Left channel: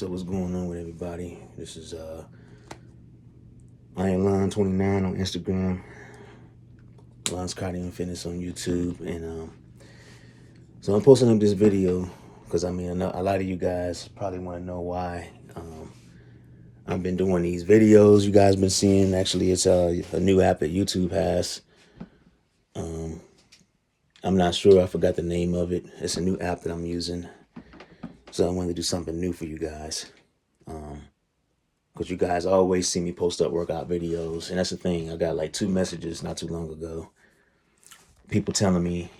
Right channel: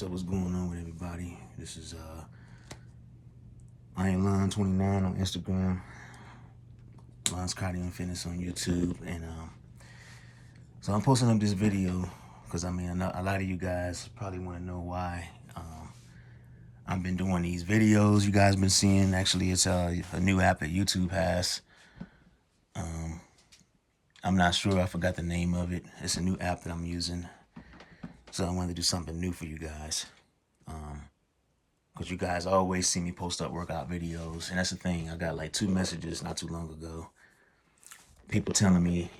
So what's going on with everybody? This is I am Lon29 on Instagram, Lon's Cardio Fitness on YouTube, and so I'm posting up this video because I mean a lot of you guys probably want to know why I've been doing these videos. You guys been seeing, actually it's a new app that YouTube has. I'm not sure, I forgot the name of it. It's a new app that I'm using, so I wanted to do something new for you guys. Because you guys always see me post up workout videos. And that's the thing. I got like 2 messages not too long ago. People telling me,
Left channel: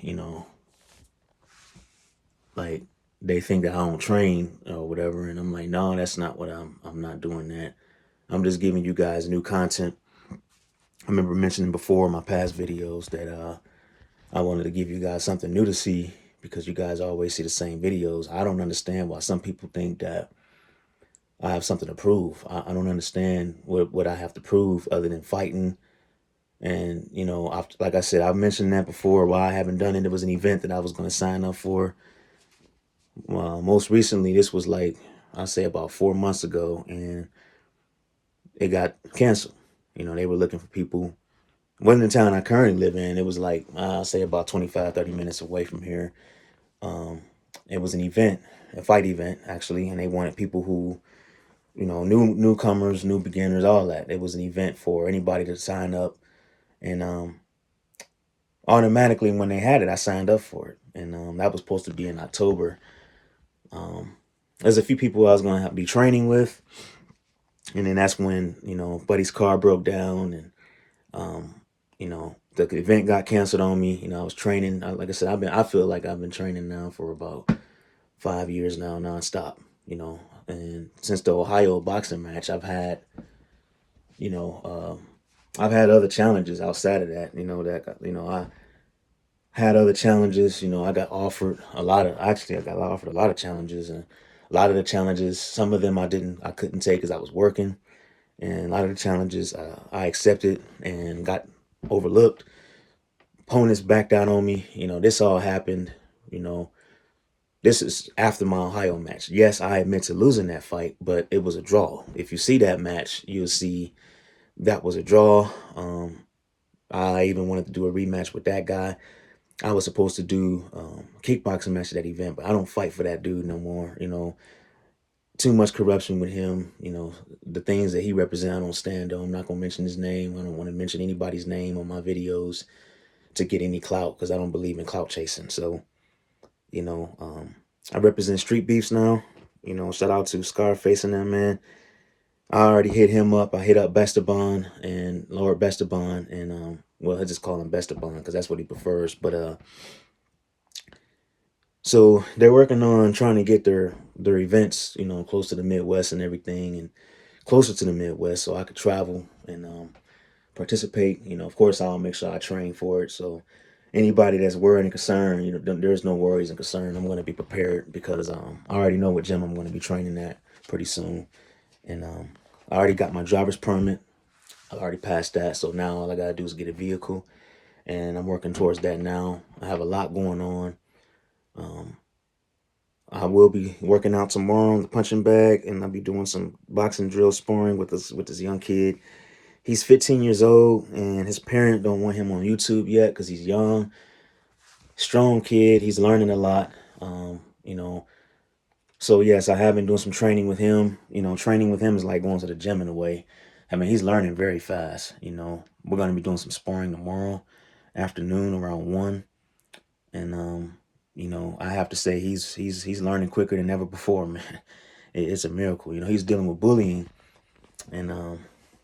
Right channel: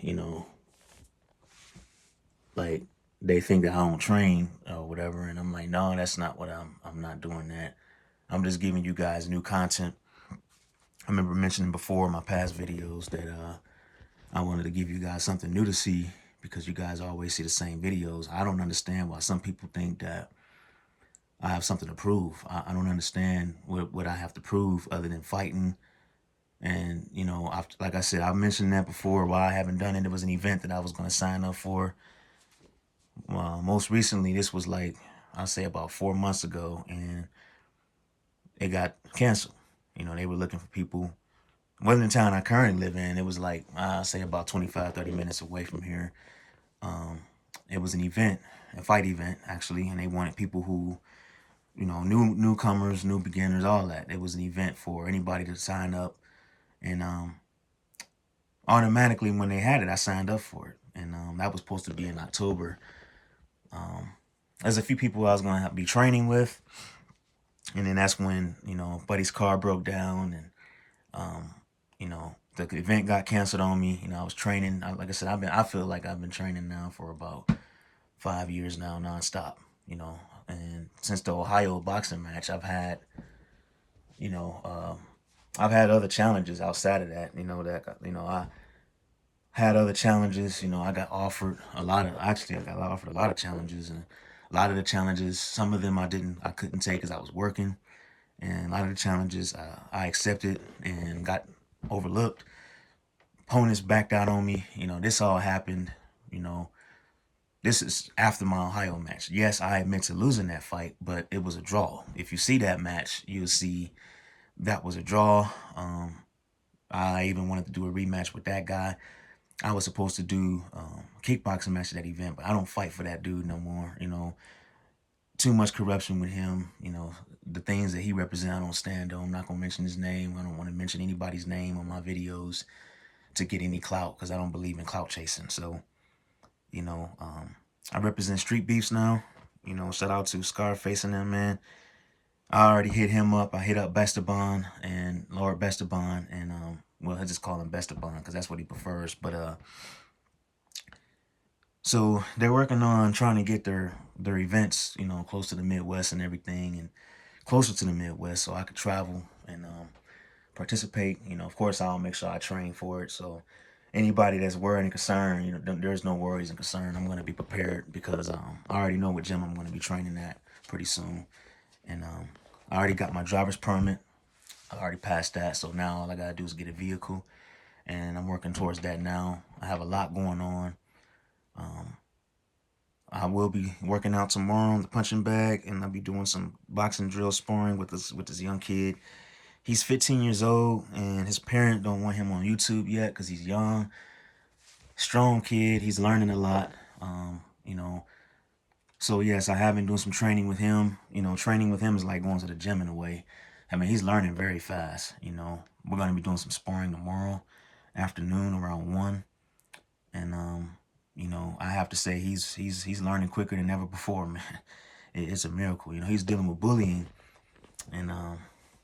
like they think that I don't train or whatever. And I'm like, no, that's not what I'm not doing that. I'm just giving you guys new content. I remember mentioning before in my past videos that I wanted to give you guys something new to see, because you guys always see the same videos. I don't understand why some people think that I have something to prove. I don't understand what I have to prove other than fighting. And, like I said, I've mentioned that before, why I haven't done it. It was an event that I was going to sign up for. Most recently, this was like, I'll say about 4 months ago, and it got canceled. They were looking for people. It wasn't the town I currently live in. It was like, I'll say about 25, 30 minutes away from here. It was an event, a fight event, actually, and they wanted people who, newcomers, new beginners, all that. It was an event for anybody to sign up. And automatically when they had it, I signed up for it. And that was supposed to be in October. There's a few people I was going to be training with. And then that's when, buddy's car broke down, and, the event got canceled on me. I was training. Like I said, I feel like I've been training now for about 5 years now, nonstop, and since the Ohio boxing match, I've had, I've had other challenges outside of that, I had other challenges. I got offered a lot of, actually, I got offered a lot of challenges, and a lot of the challenges, some of them I couldn't take because I was working. And a lot of the challenges I accepted and got overlooked. Opponents backed out on me. This all happened, this is after my Ohio match. Yes, I admit to losing that fight, but it was a draw. If you see that match, you'll see that was a draw. I even wanted to do a rematch with that guy. I was supposed to do a kickboxing match at that event, but I don't fight for that dude no more. Too much corruption with him. The things that he represents, I don't stand on. I'm not going to mention his name. I don't want to mention anybody's name on my videos to get any clout, because I don't believe in clout chasing. So, I represent Street Beefs now. Shout out to Scarface and them, man. I already hit him up. I hit up Bestaban and Lord Bestaban, and well, I just call him Bestaban because that's what he prefers. But so they're working on trying to get their events, close to the Midwest and everything, and closer to the Midwest, so I could travel and participate. Of course, I'll make sure I train for it. So anybody that's worried and concerned, there's no worries and concern. I'm going to be prepared, because I already know what gym I'm going to be training at pretty soon. And I already got my driver's permit. I already passed that. So now all I got to do is get a vehicle, and I'm working towards that now. I have a lot going on. I will be working out tomorrow on the punching bag, and I'll be doing some boxing drill sparring with this young kid. He's 15 years old, and his parent don't want him on YouTube yet because he's young. Strong kid. He's learning a lot. So yes, I have been doing some training with him. Training with him is like going to the gym in a way. I mean, he's learning very fast. We're going to be doing some sparring tomorrow afternoon around 1. And I have to say he's learning quicker than ever before, man. It's a miracle. He's dealing with bullying, and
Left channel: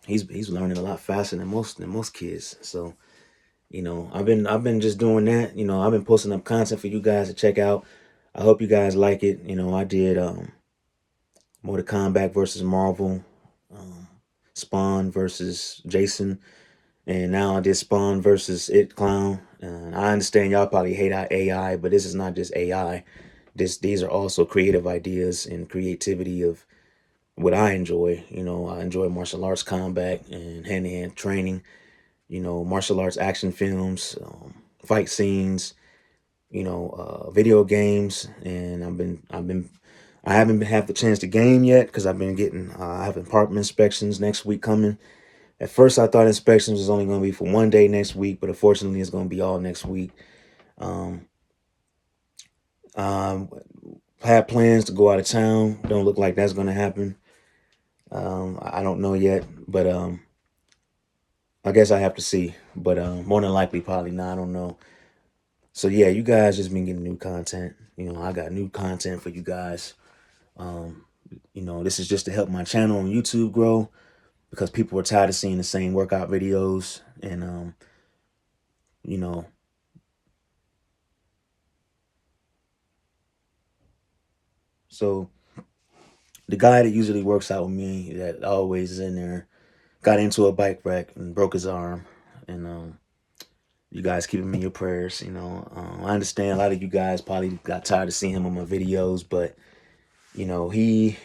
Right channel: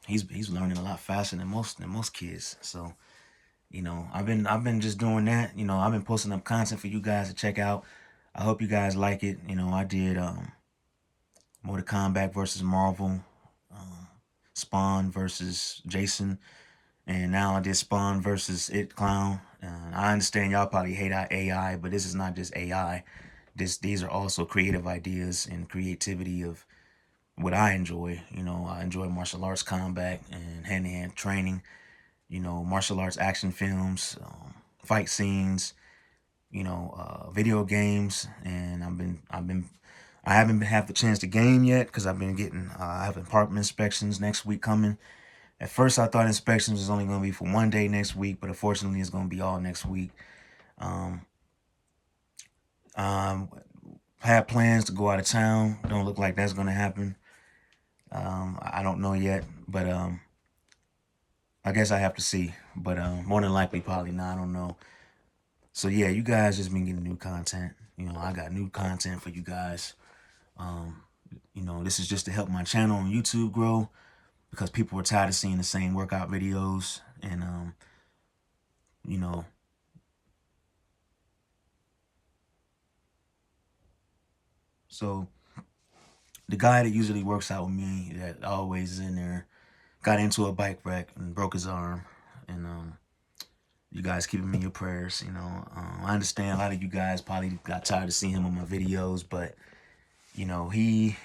he's learning a lot faster than most kids. So I've been just doing that. I've been posting up content for you guys to check out. I hope you guys like it. I did Mortal Kombat versus Marvel, Spawn versus Jason, and now I did Spawn versus It Clown. And I understand y'all probably hate AI, but this is not just AI. These are also creative ideas and creativity of what I enjoy. I enjoy martial arts combat and hand-to-hand training. Martial arts action films, fight scenes, video games, and I haven't had the chance to game yet because I've been getting, I have apartment inspections next week coming. At first, I thought inspections was only going to be for one day next week, but unfortunately, it's going to be all next week. Um, um, had plans to go out of town. Don't look like that's going to happen. I don't know yet, but I guess I have to see. But more than likely, probably not. I don't know. So yeah, you guys just been getting new content. You know, I got new content for you guys. Um, you know, this is just to help my channel on YouTube grow because people are tired of seeing the same workout videos. And you know, so the guy that usually works out with me, that always is in there, got into a bike wreck and broke his arm. And you guys keep him in your prayers. You know, I understand a lot of you guys probably got tired of seeing him on my videos, but you know, he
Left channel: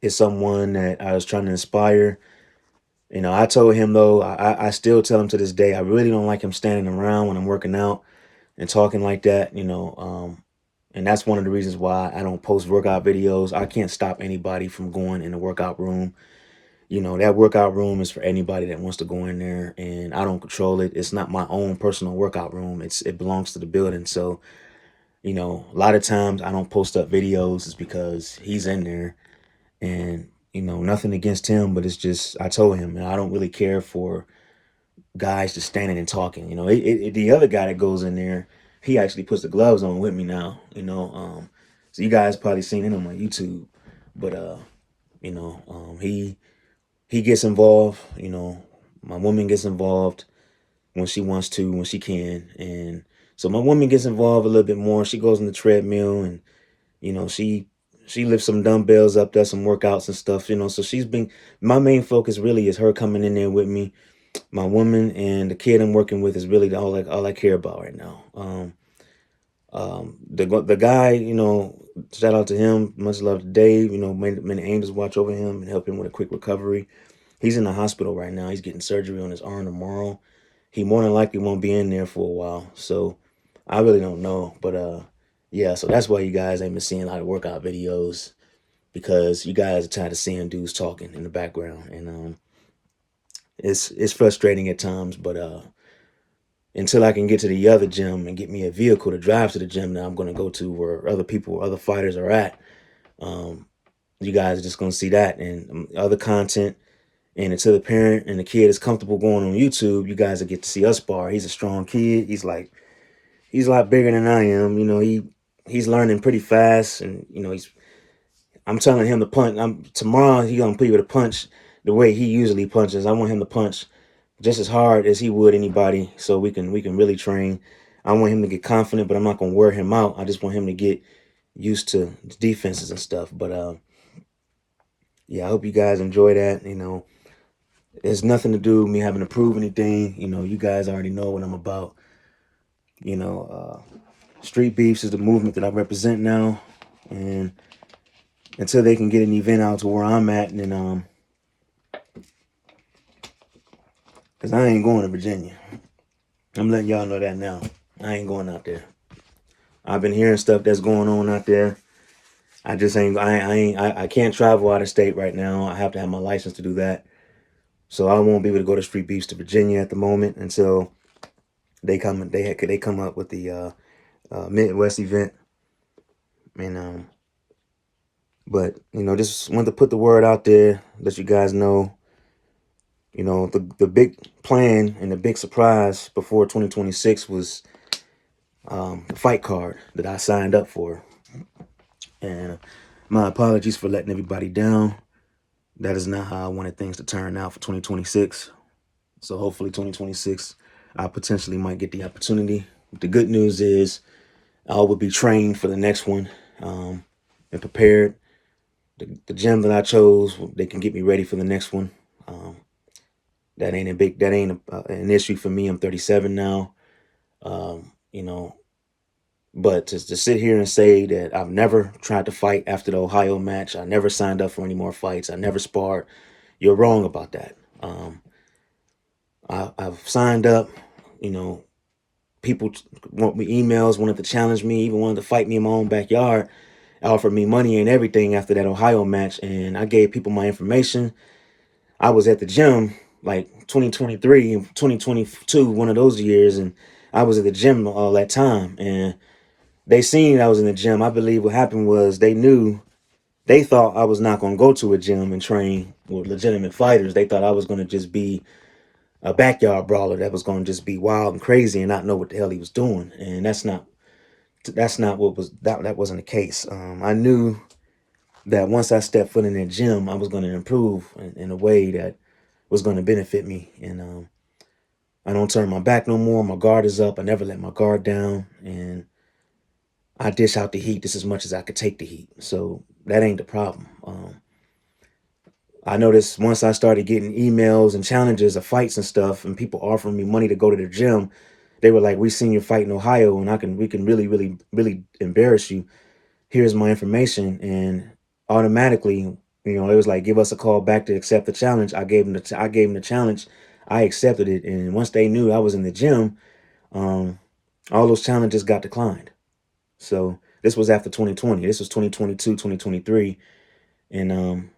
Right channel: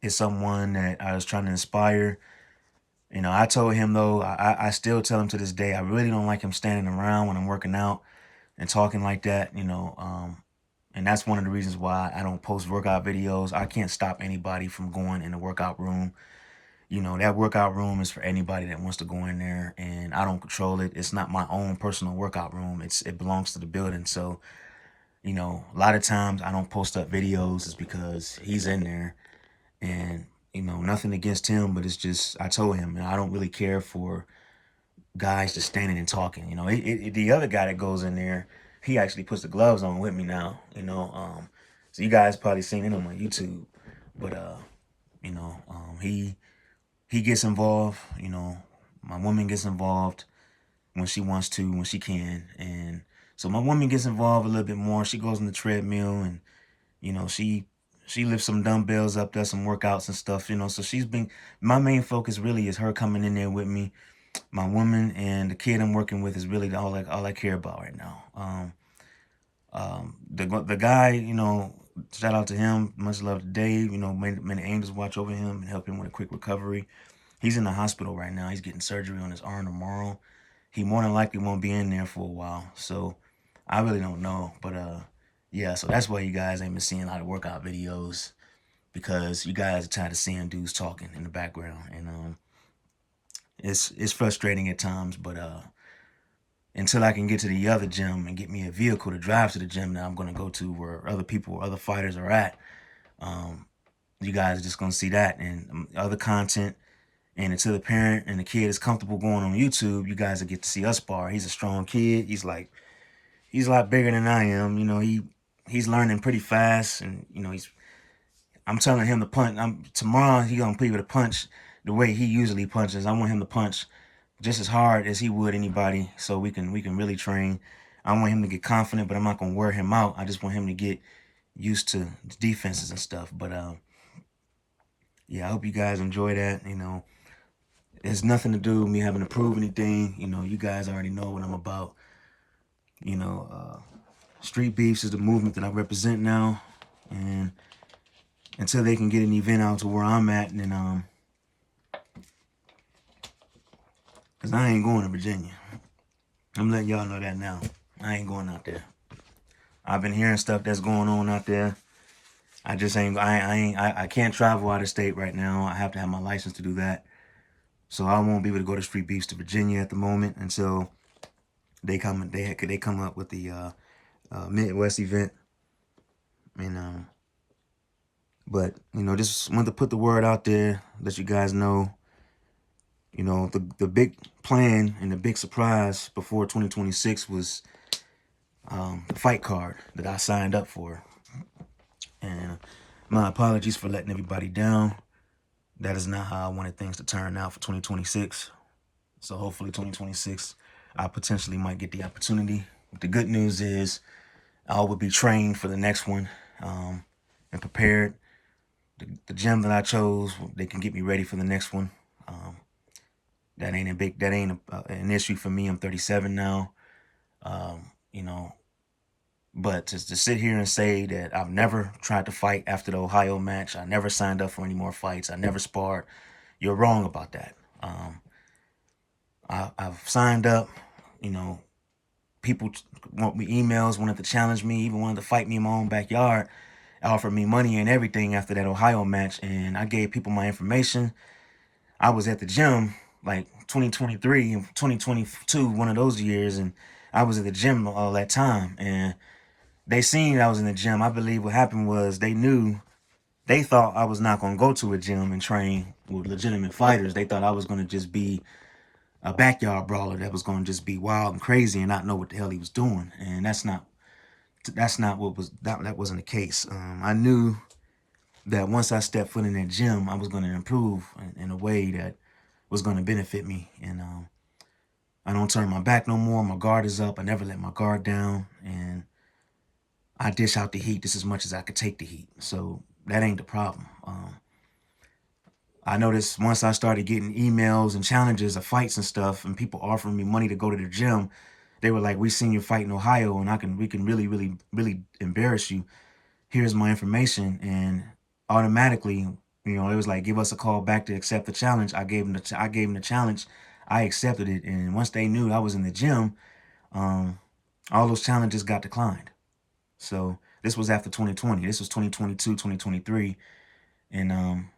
is someone that I was trying to inspire. You know, I told him though, I still tell him to this day, I really don't like him standing around when I'm working out and talking like that, you know. And that's one of the reasons why I don't post workout videos. I can't stop anybody from going in the workout room. You know, that workout room is for anybody that wants to go in there, and I don't control it. It's not my own personal workout room. It belongs to the building. So, you know, a lot of times I don't post up videos is because he's in there. And, you know, nothing against him, but it's just, I told him, and I don't really care for guys just standing and talking. You know, the other guy that goes in there, he actually puts the gloves on with me now, you know. So you guys probably seen it on my YouTube, but, you know, he gets involved, you know, my woman gets involved when she wants to, when she can. And so my woman gets involved a little bit more. She goes on the treadmill and, you know, she lifts some dumbbells up, does some workouts and stuff, you know. So she's been, my main focus really is her coming in there with me. My woman and the kid I'm working with is really all I care about right now. The guy, you know, shout out to him. Much love to Dave. You know, many angels watch over him and help him with a quick recovery. He's in the hospital right now. He's getting surgery on his arm tomorrow. He more than likely won't be in there for a while. So I really don't know. But yeah, so that's why you guys ain't been seeing a lot of workout videos, because you guys are tired of seeing dudes talking in the background. And it's frustrating at times, but until I can get to the other gym and get me a vehicle to drive to the gym that I'm gonna go to where other people, other fighters are at, um, you guys are just gonna see that and other content. And until the parent and the kid is comfortable going on YouTube, you guys will get to see us spar. He's a strong kid. He's a lot bigger than I am. You know, he's learning pretty fast, and you know, I'm telling him to punch. Tomorrow he gonna be able to punch the way he usually punches. I want him to punch just as hard as he would anybody, so we can really train. I want him to get confident, but I'm not gonna wear him out. I just want him to get used to defenses and stuff. But yeah, I hope you guys enjoy that. You know, it's nothing to do with me having to prove anything. You know, you guys already know what I'm about. You know, Street Beefs is the movement that I represent now, and until they can get an event out to where I'm at, and then because I ain't going to Virginia. I'm letting y'all know that now. I ain't going out there. I've been hearing stuff that's going on out there. I just ain't. I can't travel out of state right now. I have to have my license to do that. So I won't be able to go to Street Beefs to Virginia at the moment until they come. They come up with the Midwest event. And but you know, just wanted to put the word out there, let you guys know. You know, the big plan and the big surprise before 2026 was the fight card that I signed up for. And my apologies for letting everybody down. That is not how I wanted things to turn out for 2026. So hopefully 2026, I potentially might get the opportunity. But the good news is I will be trained for the next one and prepared. The gym that I chose, they can get me ready for the next one. That ain't an issue for me. I'm 37 now. You know, but to sit here and say that I've never tried to fight after the Ohio match, I never signed up for any more fights, I never sparred, you're wrong about that. I've signed up, you know, people want me emails, wanted to challenge me, even wanted to fight me in my own backyard. offered me money and everything after that Ohio match, and I gave people my information. I was at the gym like 2023 and 2022, one of those years, and I was at the gym all that time, and they seen I was in the gym. I believe what happened was they thought I was not going to go to a gym and train with legitimate fighters. They thought I was going to just be a backyard brawler that was going to just be wild and crazy and not know what the hell he was doing. And that's not what was that wasn't the case. I knew that once I stepped foot in that gym, I was going to improve in a way that was going to benefit me. And I don't turn my back no more. My guard is up. I never let my guard down, and I dish out the heat just as much as I could take the heat. So that ain't the problem. I noticed once I started getting emails and challenges of fights and stuff, and people offering me money to go to the gym, they were like, "We seen your fight in Ohio, and we can really, really, really embarrass you. Here's my information." And automatically, it was like, "Give us a call back to accept the challenge." I gave them the challenge. I accepted it, and once they knew I was in the gym, all those challenges got declined. So this was after 2020. This was 2022, 2023, and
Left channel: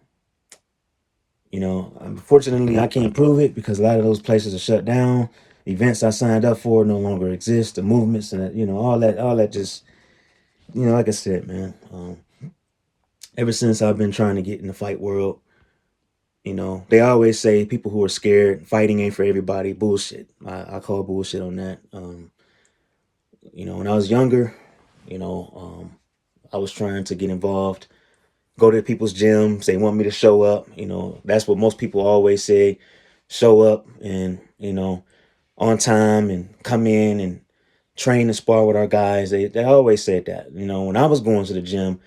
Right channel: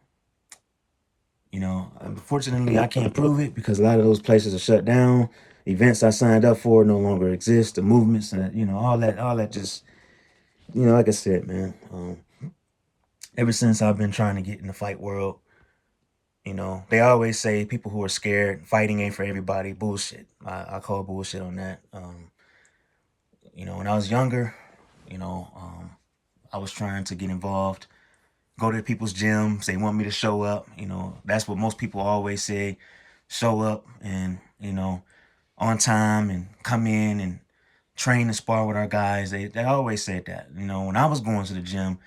unfortunately, I can't prove it because a lot of those places are shut down. Events I signed up for no longer exist. The movements and all that just, like I said, man. Ever since I've been trying to get in the fight world, they always say people who are scared, fighting ain't for everybody. Bullshit. I call bullshit on that. When I was younger, I was trying to get involved, go to people's gyms. They want me to show up. That's what most people always say: show up and on time and come in and train and spar with our guys. They always said that. When I was going to the gym,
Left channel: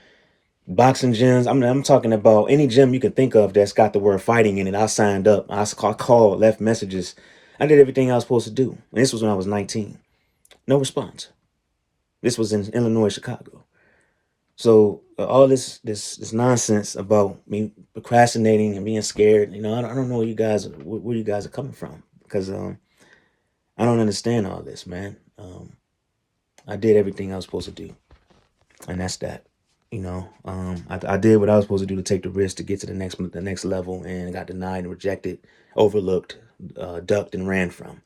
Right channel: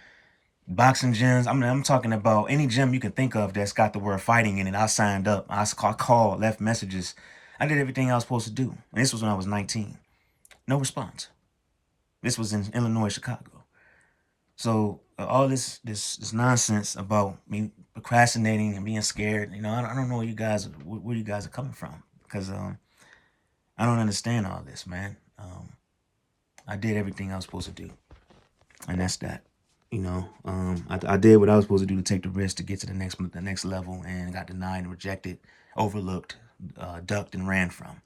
boxing gyms, I'm talking about any gym you can think of that's got the word fighting in it. I signed up. I called, left messages. I did everything I was supposed to do. And this was when I was 19. No response. This was in Illinois, Chicago. So all this nonsense about me procrastinating and being scared, I don't know where you guys are coming from, because I don't understand all this, man. I did everything I was supposed to do, and that's that. I did what I was supposed to do to take the risk to get to the next level, and got denied and rejected, overlooked, ducked and ran from.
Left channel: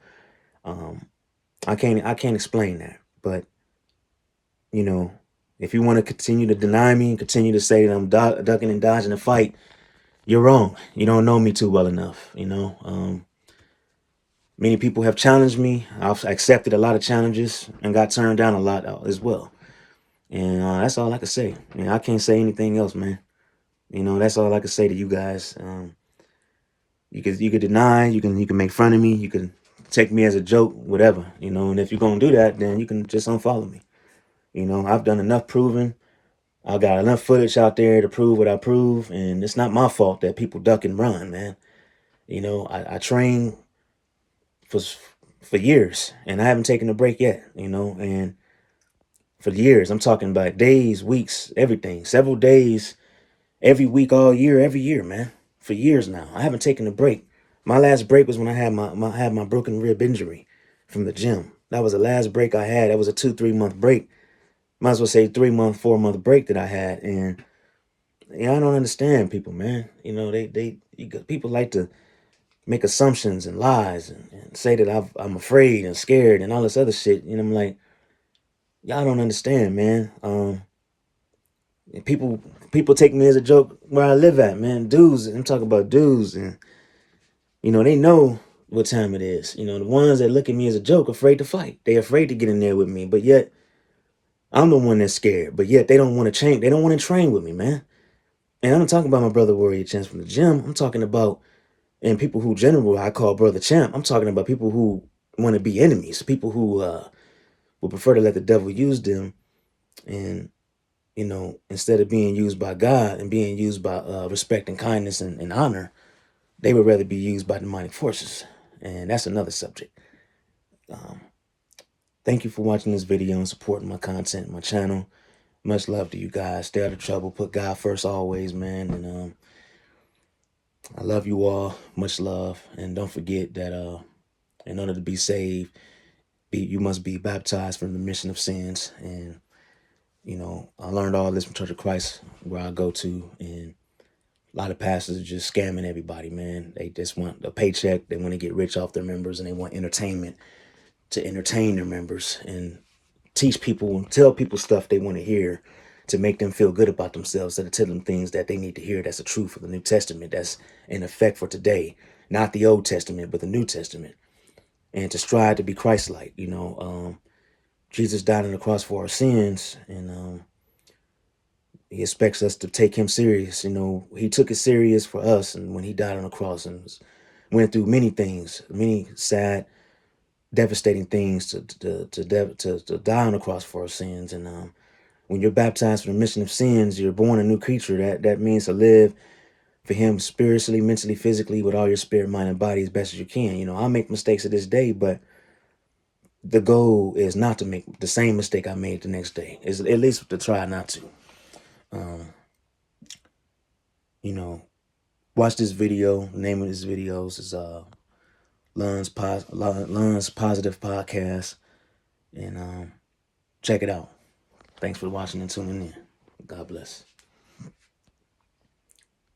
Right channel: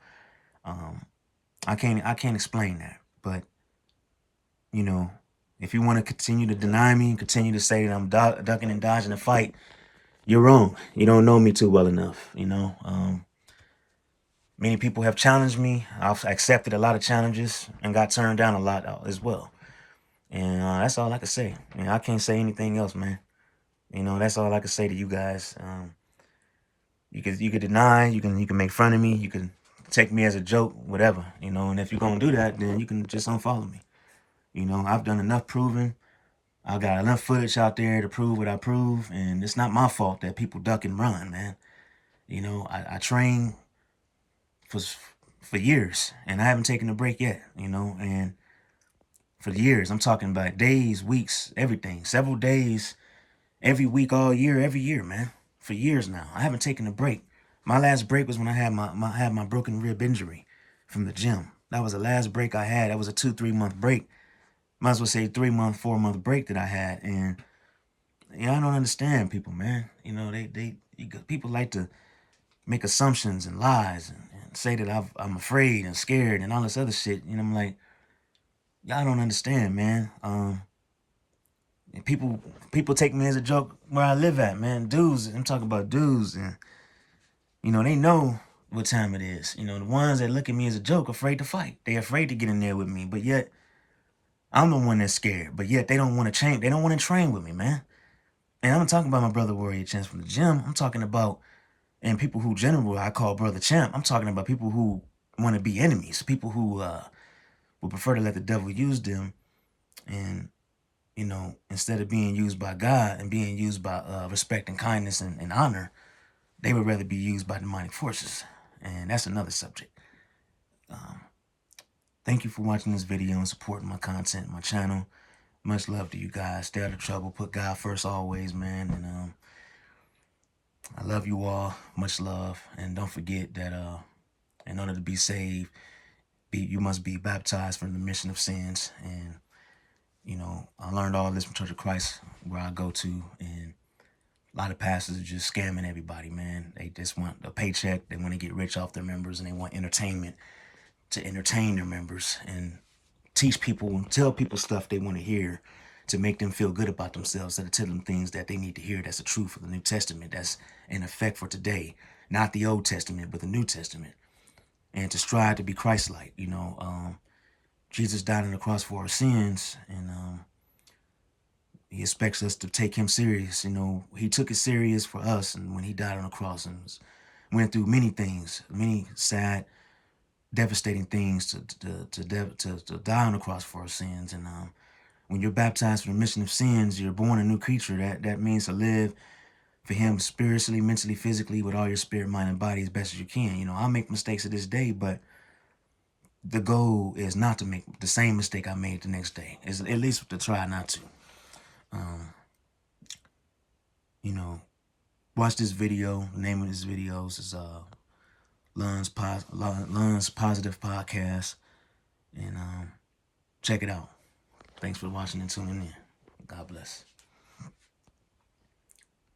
I can't explain that, but you know, if you want to continue to deny me and continue to say that I'm ducking and dodging the fight, you're wrong. You don't know me too well enough. Many people have challenged me. I've accepted a lot of challenges and got turned down a lot as well. And that's all I can say. I can't say anything else, man. That's all I can say to you guys. You could deny, you can make fun of me, you can take me as a joke, whatever. And if you're gonna do that, then you can just unfollow me. I've done enough proving. I got enough footage out there to prove what I prove, and it's not my fault that people duck and run, man. I train for years, and I haven't taken a break yet. And for years, I'm talking about days, weeks, everything, several days, every week, all year, every year, man. For years now, I haven't taken a break. My last break was when I had my broken rib injury from the gym. That was the last break I had. That was a 2-3 month break. Might as well say 3 month, 4 month break that I had. And I don't understand people, man. People like to make assumptions and lies and say that I'm afraid and scared and all this other shit. I'm like, y'all don't understand, man. People take me as a joke where I live at, man. Dudes, I'm talking about dudes, and they know what time it is. The ones that look at me as a joke, afraid to fight. They afraid to get in there with me, but yet I'm the one that's scared. But yet they don't want to change. They don't want to train with me, man. And I'm not talking about my brother Warrior Champs from the gym. I'm talking about, and people who general I call brother champ. I'm talking about people who want to be enemies, people who would prefer to let the devil use them, and instead of being used by God and being used by respect and kindness and honor, they would rather be used by demonic forces. And that's another subject. Thank you for watching this video and supporting my content, my channel. Much love to you guys. Stay out of trouble. Put God first always, man. And I love you all. Much love. And don't forget that in order to be saved, you must be baptized from the remission of sins. And You know, I learned all this from Church of Christ, where I go to, and a lot of pastors are just scamming everybody, man. They just want a paycheck. They want to get rich off their members, and they want entertainment to entertain their members and teach people and tell people stuff they want to hear to make them feel good about themselves, to tell them things that they need to hear that's the truth of the New Testament, that's in effect for today, not the Old Testament, but the New Testament, and to strive to be Christ-like. You know, Jesus died on the cross for our sins, and he expects us to take him serious. You know, he took it serious for us, and when he died on the cross and went through many things, many sad, devastating things to die on the cross for our sins. And when you're baptized for the remission of sins, you're born a new creature. That means to live for him spiritually, mentally, physically, with all your spirit, mind, and body as best as you can. You know, I make mistakes to this day, but the goal is not to make the same mistake I made the next day. Is at least to try not to. You know, watch this video. The name of this videos is Lun's Positive Podcast, and check it out. Thanks for watching and tuning in. God bless.